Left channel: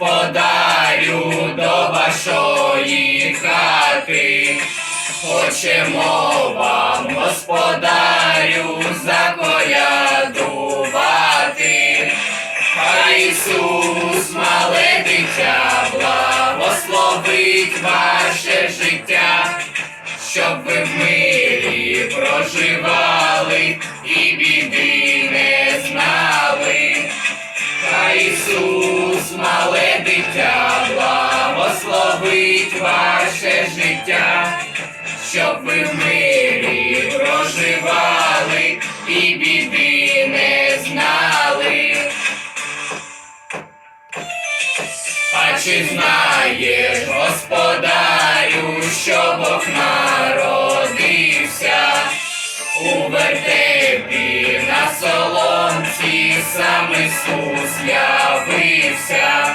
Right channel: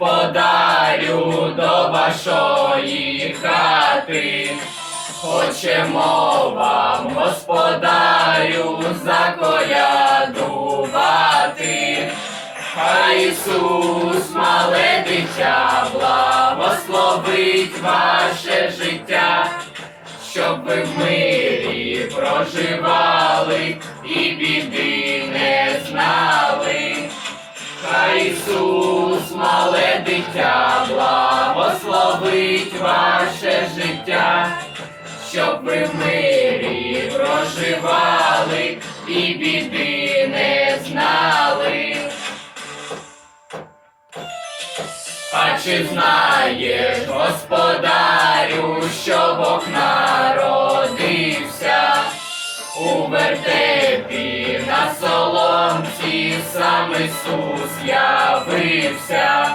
господарю, до вашої хати. Хочемо вам, господарю, заколядувати. Хай Ісус, мале дитя, благословить ваше життя, щоб ви в мирі проживали і біди не знали. Хай Ісус, дитя, благословить ваше життя, щоб ви в мирі проживали і біди не знали. А чи знаєш, господарю, що Бог народився у вертепі на соломці, сам Ісус явився,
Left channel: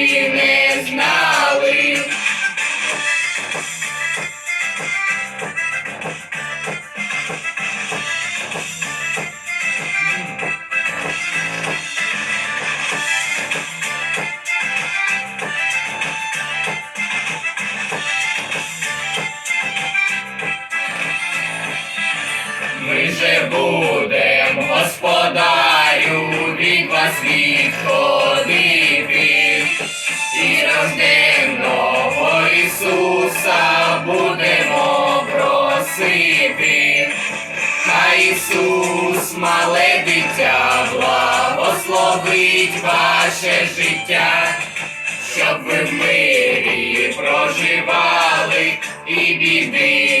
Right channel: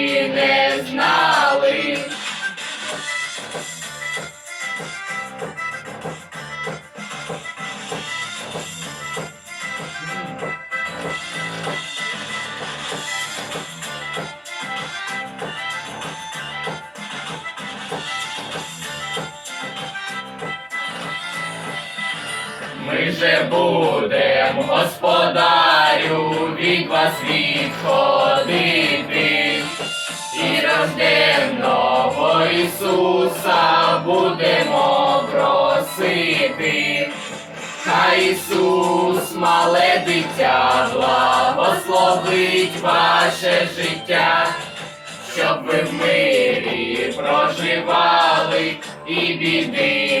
Ми же будем, господарю, від вас відходити, і рожденного Ісуса будемо просити. Хай Ісус, мале дитя, благословить ваше життя, щоб ви в мирі проживали і біди